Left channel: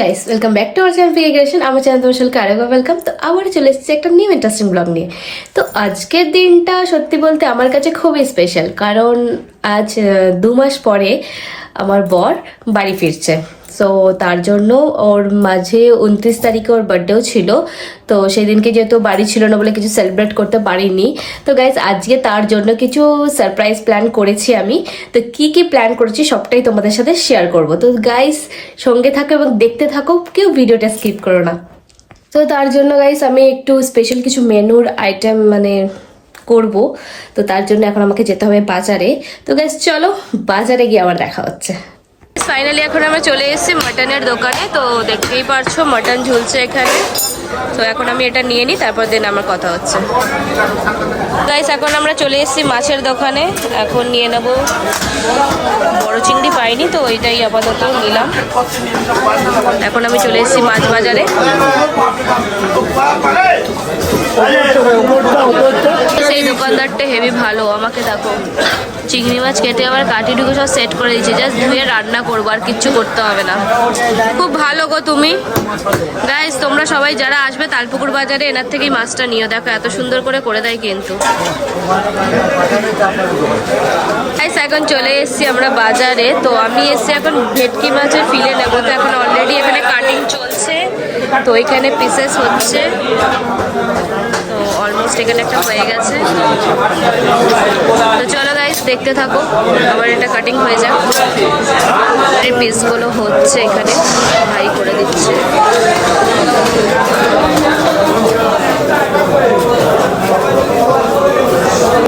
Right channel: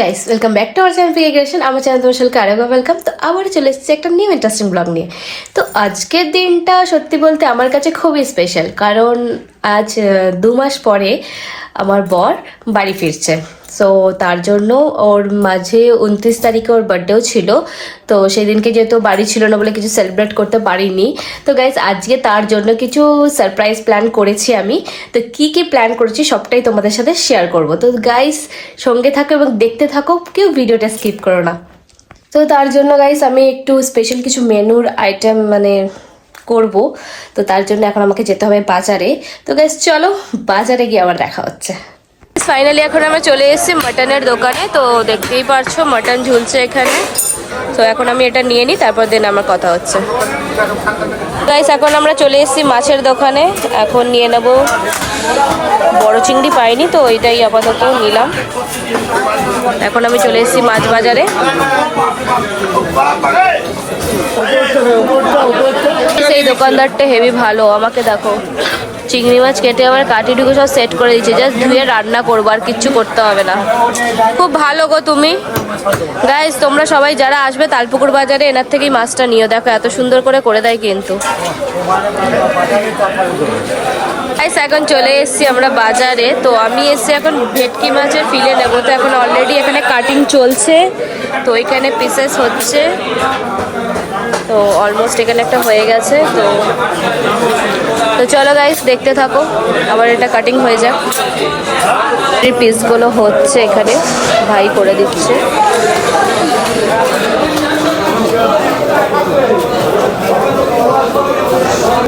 Guys welcome back to আমার channel ফিগেশন আমার চ্যানেল তোমার সকলকে আরেকবার ওয়েলকাম তো আবার চলে এসেছি একটা নিউ ইন্টারেস্টিং ব্লগ নিয়ে। তো আজকের দিনটা সত্যি বলতে আমার কাছে খুবই স্পেশাল কারণ আজ দু মাস পরে আমার বর বাড়ি ফিরছে। সো তার জন্য ওর মাঝে উনত্রিশ তারিখে ওর বার্থডেও ছিল। তো সেই দিনকে যেহেতু বাড়ি ছিল না বলে কিছু সেলিব্রেট করতে পারিনি। তো গাইজ আজকে তার জন্য কিছু সারপ্রাইজ প্ল্যান করেছি আমি। তো কি কি প্ল্যান করেছি সবটাই তোমাদের সাথে শেয়ার করব। তো গাইজ সঙ্গে থাকো এবং দেখতে থাকো, কেউ ভিডিওটা স্কিপ করো না। তো তার জন্য গাইস আমি একটু স্পেশাল কিছু মেনুর আইটেম মানে করব। তো তার জন্য এখন আমাকে যেতে হবে বাজারে। তো গাইস চলো বাজারে গিয়ে আবার দেখা হচ্ছে। ফাইনালি এখন আমরা চলে এসেছি মাটনের দোকানে। তো দেখতেই পারছ মাটন ঝুলছে এখানে। তো এখন আমি এটা নিয়ে নিই, তারপর দিন আমার কথা হচ্ছে। গাইস এখন আমরা চলে এসেছি মাছের দোকানে। এখন নিয়ে নেব বড় চিংড়ি, পাইনি তো ওইটাই আপাতত নিলাম। এখন আমি চলে এসেছি মাছ বাজারে। সেই দোকানদারটা হেভি ভালো, আমাকে দেখো। চিংড়ি মাছ কেটে আবার কাটি সব সেট করে দিচ্ছে জাস্ট ধুয়ে রান্না করব, আর কিচ্ছু করতে হবে না। খুব ভালো গো তুমি। গাইস তোমরা সবাই যারা আসবে তালপুকুর বাজারে, এনার থেকেই মাছটা নিও। দেখো, এত সুন্দর করে করে দেয় কিন্তু। এখন চলে এসেছি আমরা বাজারে। তো আমি এসেছি এখন ভেটকি মাছের ফিলে নেব। তো এখন অলরেডি এখানে কাটিং চলছে। তো এখানে পিসেস হচ্ছে। তো অলমোস্ট এখানে একটা হয়ে গেছে। তো চলো গাইস দেখতে থাকো। আবার এটা কাটিং হয়ে যাক। পিসগুলো হচ্ছে এখানে। ভাই করে দিচ্ছে।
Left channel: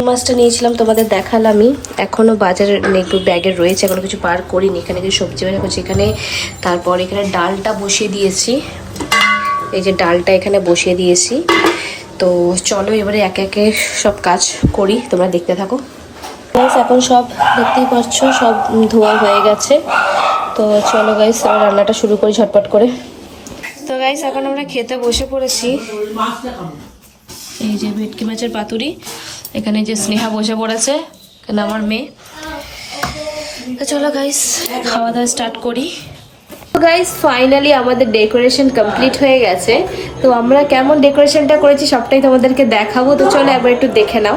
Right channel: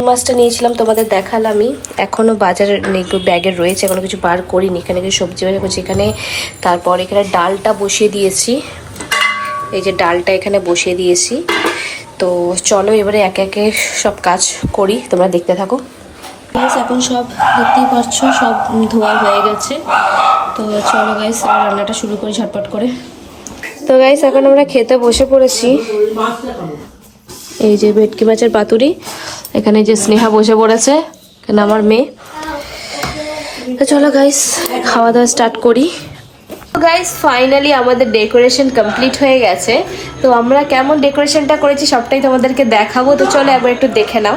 মাছটা নিয়েছিলাম, তোমাদের দেখালামই এখনও বাজারে একটু ব্যাগে রয়েছে এখনও কিছু বার করিনি। এখানে কিছু সবজি বাজার করছি, এখানে তারপর এখানে ডালটা বসিয়ে দিয়েছি। এই যে ডালটা এখানে বসিয়ে দিয়েছি। তো চলো এবারে একে একে সব কাজ করি, তোমরা দেখতে থাকো। গাইস এখন সব দেখতেই পাচ্ছ সব ধোয়া হয়ে গেছে। তো চলো গাইস এবার রান্নাটা শুরু করি ঝটপট করে। তো গাইস এখন আমরা খেতে বসে পড়েছি। এই যে ভেটকি মাছের পাতুরি, এখানে যে স্নেহা বসে পড়েছে, এখানে আমার মেয়ে। তো চলো গাইস খাওয়া দাওয়া স্টার্ট করি। গাইস ফাইনালি আমাদের ডেকোরেশন কমপ্লিট হয়ে গেছে। তো আমরা কেমন ডেকোরেশনটা করেছি সবটাই তোমাদেরকে দেখাবো। তো চলো একবার একটু দেখে নাও।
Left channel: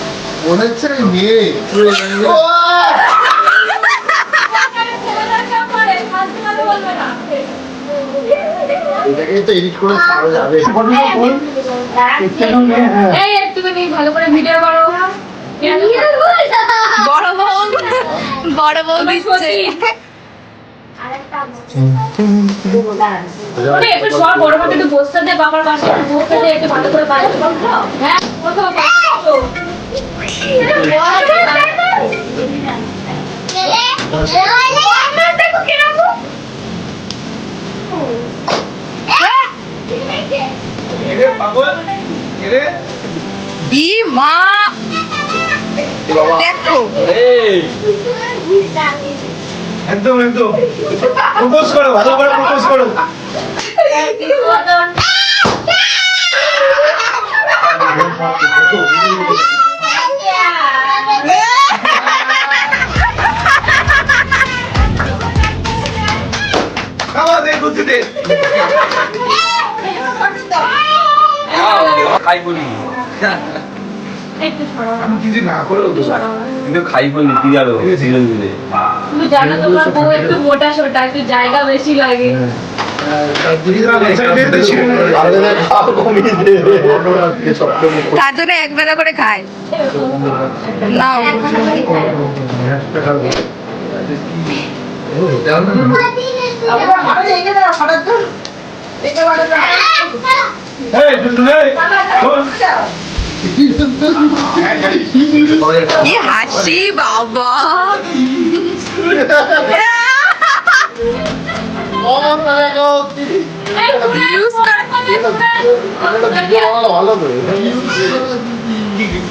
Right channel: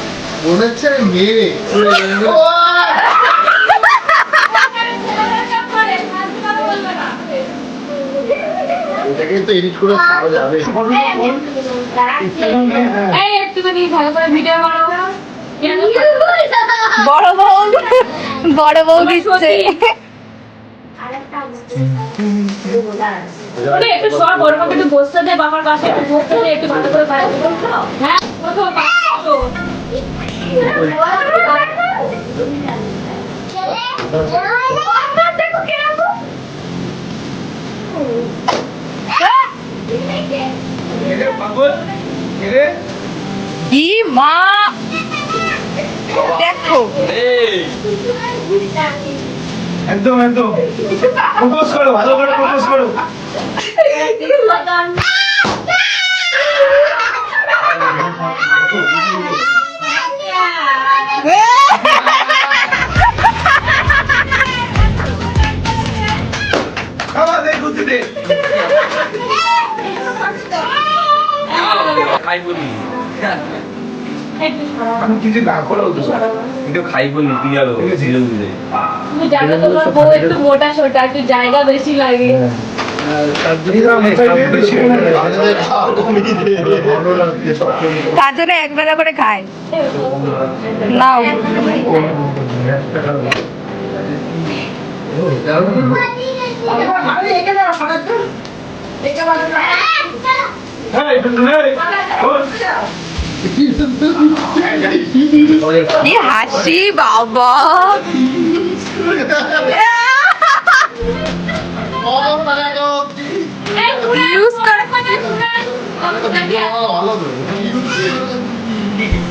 মনে হচ্ছে মেয়ে। এটাকে তো এডিট করে ছাড়া যাবে। এই একটুখানি ভালো করে ভিডিও করো বড় বউ বড় বউ দিচ্ছে। বসতে দে বাবার পাশে একটু ভালো করে হ্যাঁ মা দেখো একদম একদম। প্রপোজ করো ভালো করে প্রপোজ করো। গুছি দে খাই বলি কিছু না করো কিন্তু খাই বলি তুই আলো ধীরে ধীরে তুমি জানো তোমার বউ একটু মোটা সোটা একটু জায়গা বেশি লাগে। তার জন্য এক বেলা করে খায়। নাও। হাসি বাবা। ইউজ করে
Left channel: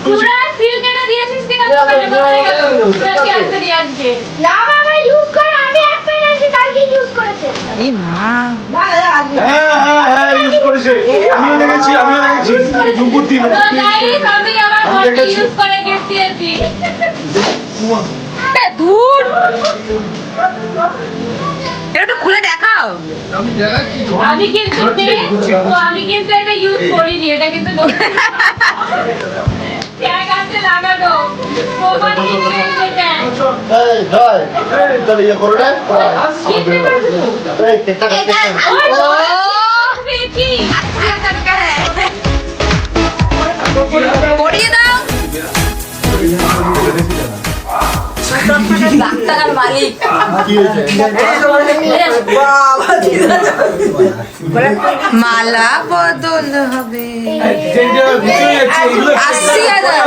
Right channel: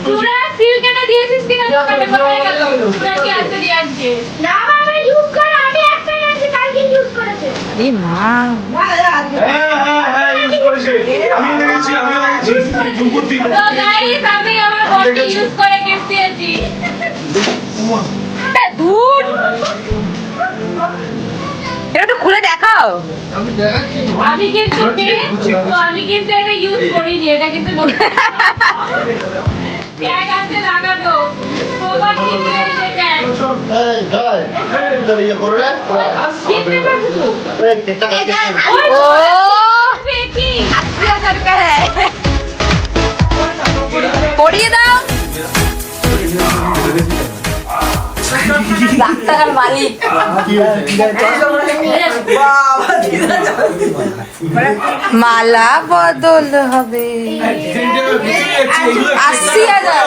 তোরা সিল কেটে দিয়েছিস কিনা দোকানে কোথায় গেল তোরা কি আজকে দিয়ে আজকে ই মা ইউজ করেছে আমিও দেখেছি আমিও দেখেছি দুপুর দিন তো আমি আমার ইউজ খুলে দেখাও আমি কিন্তু আমি কিন্তু এটা ইউজ করিনি এটা কিন্তু এটা কিনতে লাখ টাকার মালিক। মালা বদল হবে। আশি হাজার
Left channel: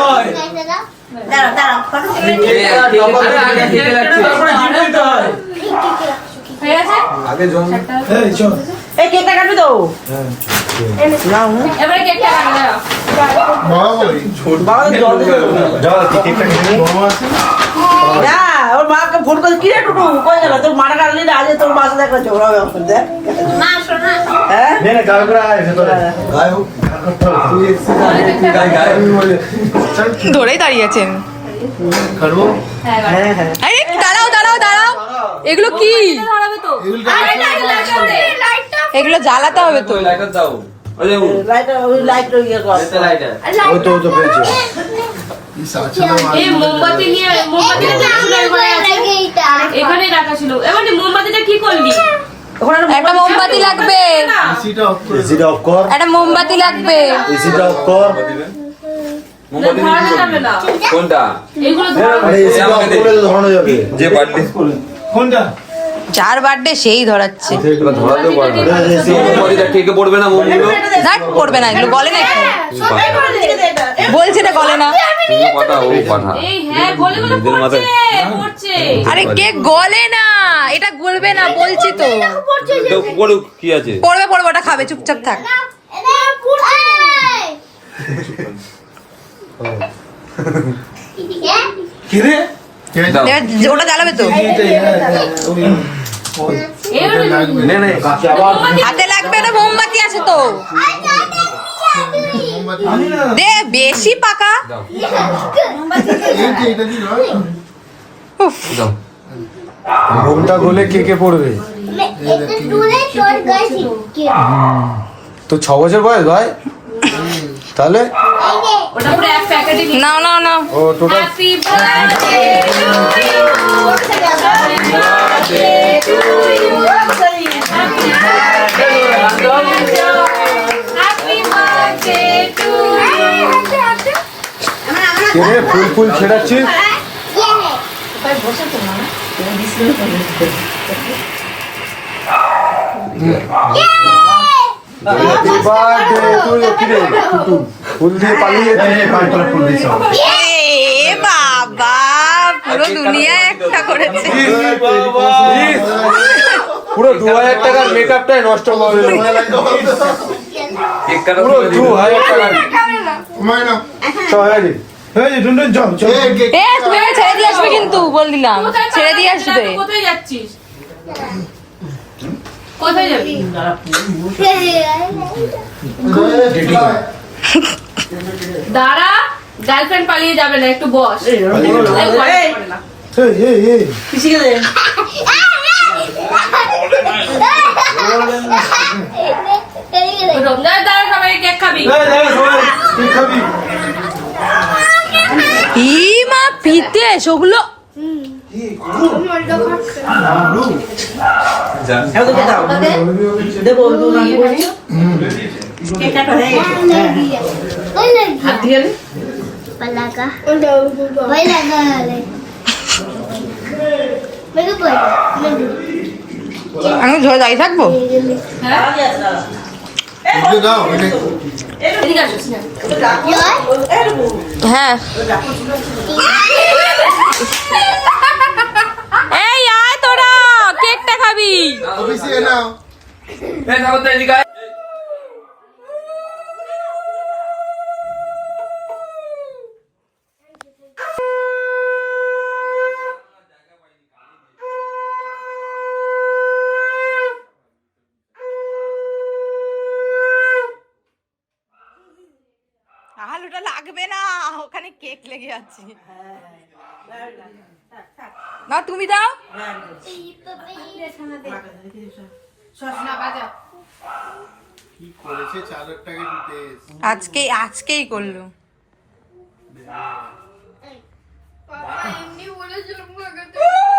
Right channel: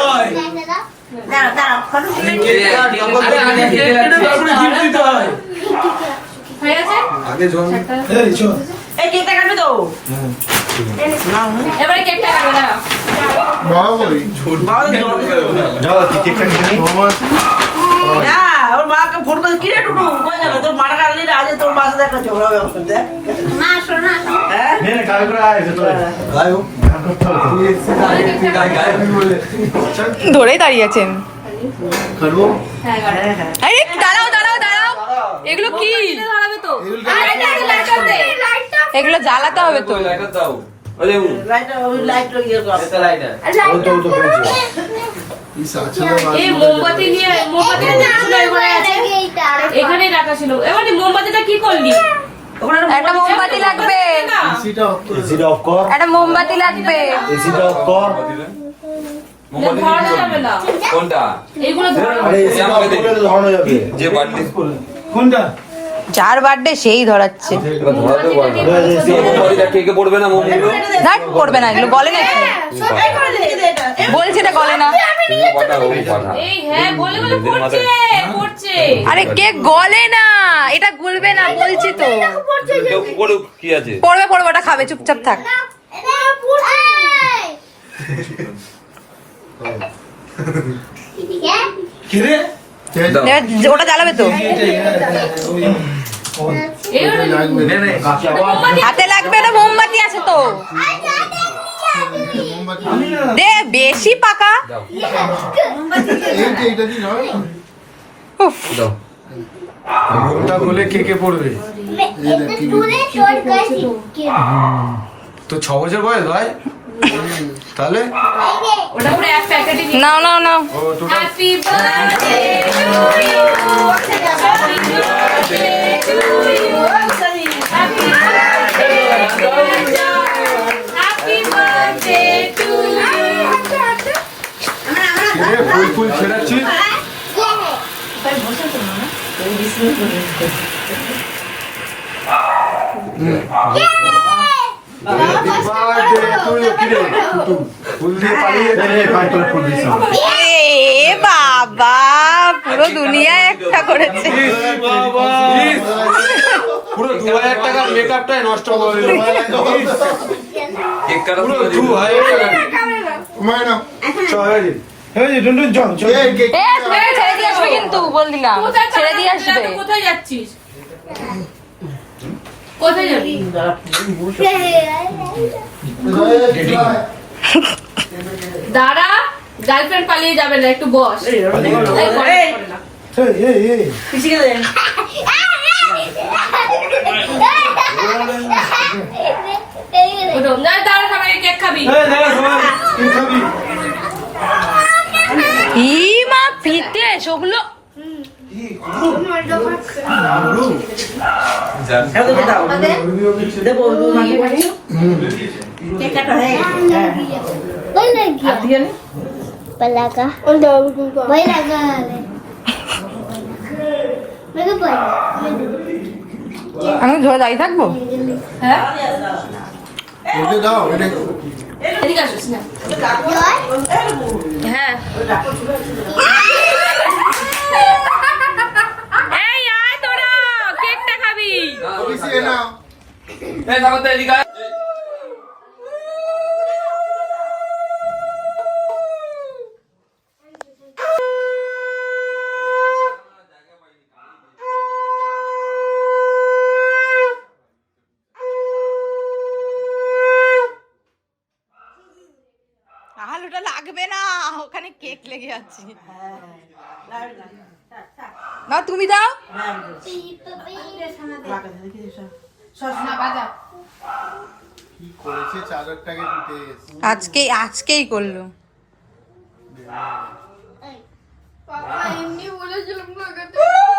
এবারে কেকটা কাটো দাঁড়াও না ওর মাকে ফোন করে কি রে টুটু কই গেল? তোর মারা কাটলি না আজ তোর মাসে দেখা ঝগড়া হবে দেখ। হ্যাঁ? ধরেই দাঁড়িয়েছেন হ্যাঁ এবারে। আরে দাঁড়াও দাঁড়াও দাঁড়াও। এগুলো কি? তো। আরে লাইটার এগুলো জ্বালাতে হবে তো। লাইটার দাও। ওলে উ লাইট ওই লাইট ইয়ে কর। লাইটার এই মোমবাতি নিয়ে মোমবাতিটা এখানে রাখা ছিল। এবারে মোমবাতিটা কি করলি? একটা মোমবাতি লাগবে। একটা মোমবাতি লাগবে। কোনটা? যার বার্থডে সেই ধরাচ্ছে না পড়বে না এগুলো গলে নাকি বলছে না গলে না হ্যাঁ আরে কে গলে না এটা গলবে না বলছি তো তো পড়ুক কি আছে পড়বে পড়বে ওটা খাবে চুপচাপ থাক ওটা জ্বালাবে তো হাতে লাগবে না মোমবাতি আছে তো। দে বেশি পাকা। দাও উফ। দাও ভোগটা গলে কে কে পড়বে? তো ছ বছর বয়স ভাই? তাহলে? ওটা পুরো এক প্যাকেটই নাও নাও নাও। ও টোটাল ইউ ফুল ফুল ছেড়াচ্ছে। বাবা পুরো দুনিয়া একটা করেছে। পুরো দু হাজার টাকার মেকআপটাই নষ্ট করে দিল। পুরো দু হাজার টাকা। সবাই ছেড়ে দিয়ে আসবে কিন্তু বল দিলাম। ছেড়ে দিয়ে আসবে। কোথায় যাচ্ছিস? কোথায় যাবি? দাঁড়া গার্লফ্রেন্ড পালিয়ে যাবে না একটু বস। দাঁড়া খাবে কেক খাবি। খাবি। ই মা পিতে সেগুলো দেবো কেক কাটা হয়ে. আমি ধরে দাঁড়িয়ে থাকব বুঝে হ্যাঁ। এই আয় তোরা কেকটা খাবি। অফিসে নাও। এই দেখো তো এদিকে আলুটা লাগবে না। ওখানে কেক লেগে আছে না তুমি দাও। কি করেছে? চার হাজার টাকা দিতে আজকে আজকেই করল। সংকটের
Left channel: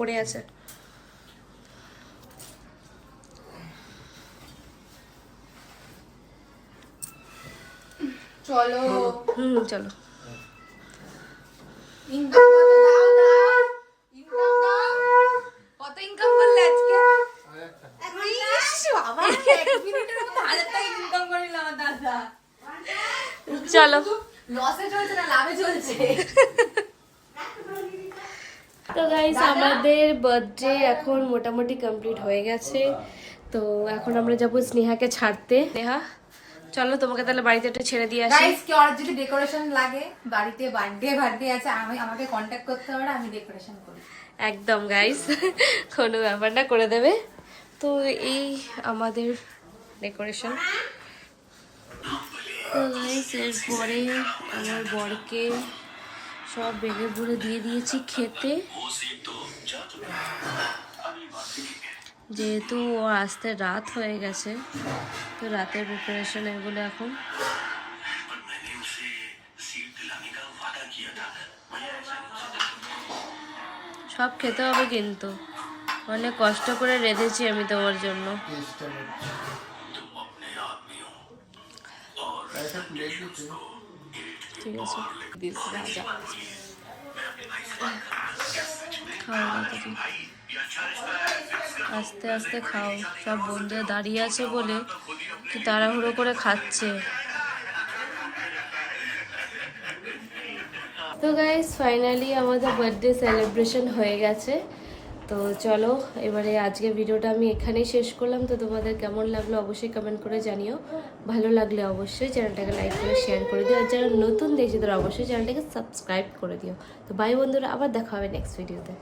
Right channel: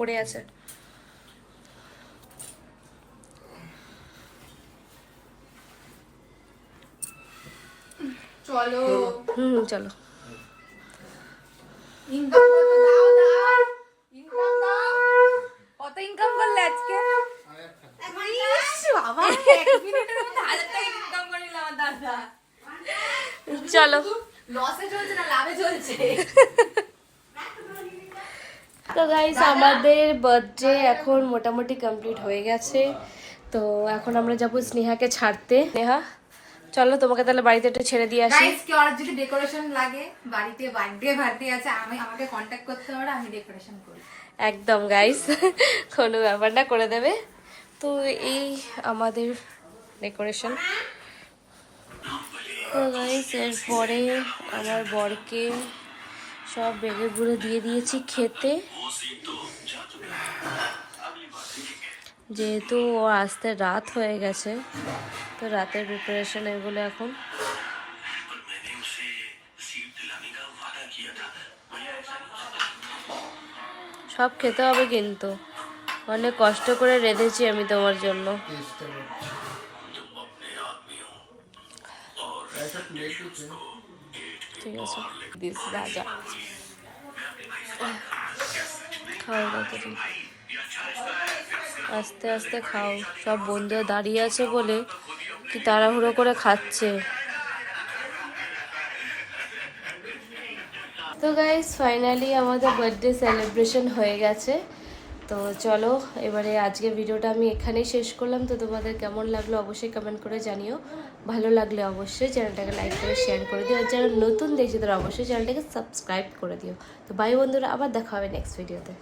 উপরে আছে। চলো। হুম চলো। কত ইনকাম করলে আজকে? চলো। তো গাইস আমাদের বার্থডে এখন মোটামুটি কমপ্লিট হয়ে গেছে। তো এখন আমরা যাব স্নেহাকে ছাড়তে। নেহা চলো তোমাকে তাহলে বাড়িতে একটু ছেড়ে দিয়ে আসি। গাইস কি আর যদি ডেকোরেশন লাগে বাড়িতে বার্থডে বার্থডে আছে আমি আমাকে কন্ট্যাক্ট করতে পারো আমি ডেকোরেশন করি। একদম গাইস কোনো ব্যাপার না করে দেবে। তো এই আমাদের ডেকোরেশন তো গাইস এরপরে আমার বরকে সব বেড়ে বুড়ে দিয়ে দিয়েছি খেতে। যেহেতু ও আসতে রাত হয়ে গেছে তো রাতের প্রিপারেশন এগুলো এখন। সব খেতে হবে কিন্তু। অনেক কষ্ট করে রেঁধেছি আমি তোমার জন্য। ঠিক আছে। দিস রাজা। খাও তুমি। আস্তে আস্তে খাও। সব বন্ধুরা দাঁড়িয়ে আছে বলে কি তাড়াহুড়ো করে খাচ্ছে। তো গাইস ফাইনালি আমাদের বার্থডে সেলিব্রেশন হয়ে গেছে। তো চলো, এবারে আজকে ভিডিওটা আমি এখানেই শেষ করলাম। তো তোমাদের কেমন লাগল অবশ্যই কমেন্ট করে জানিও। ভালো লাগলে অবশ্যই চ্যানেলটাকে লাইক করে শেয়ার করে দিও। আর যারা নতুন দেখছে তারা অবশ্যই চ্যানেলটাকে সাবস্ক্রাইব করে দিও। তো বাই বন্ধুরা, আবার দেখা হবে নেক্সট ভিডিওতে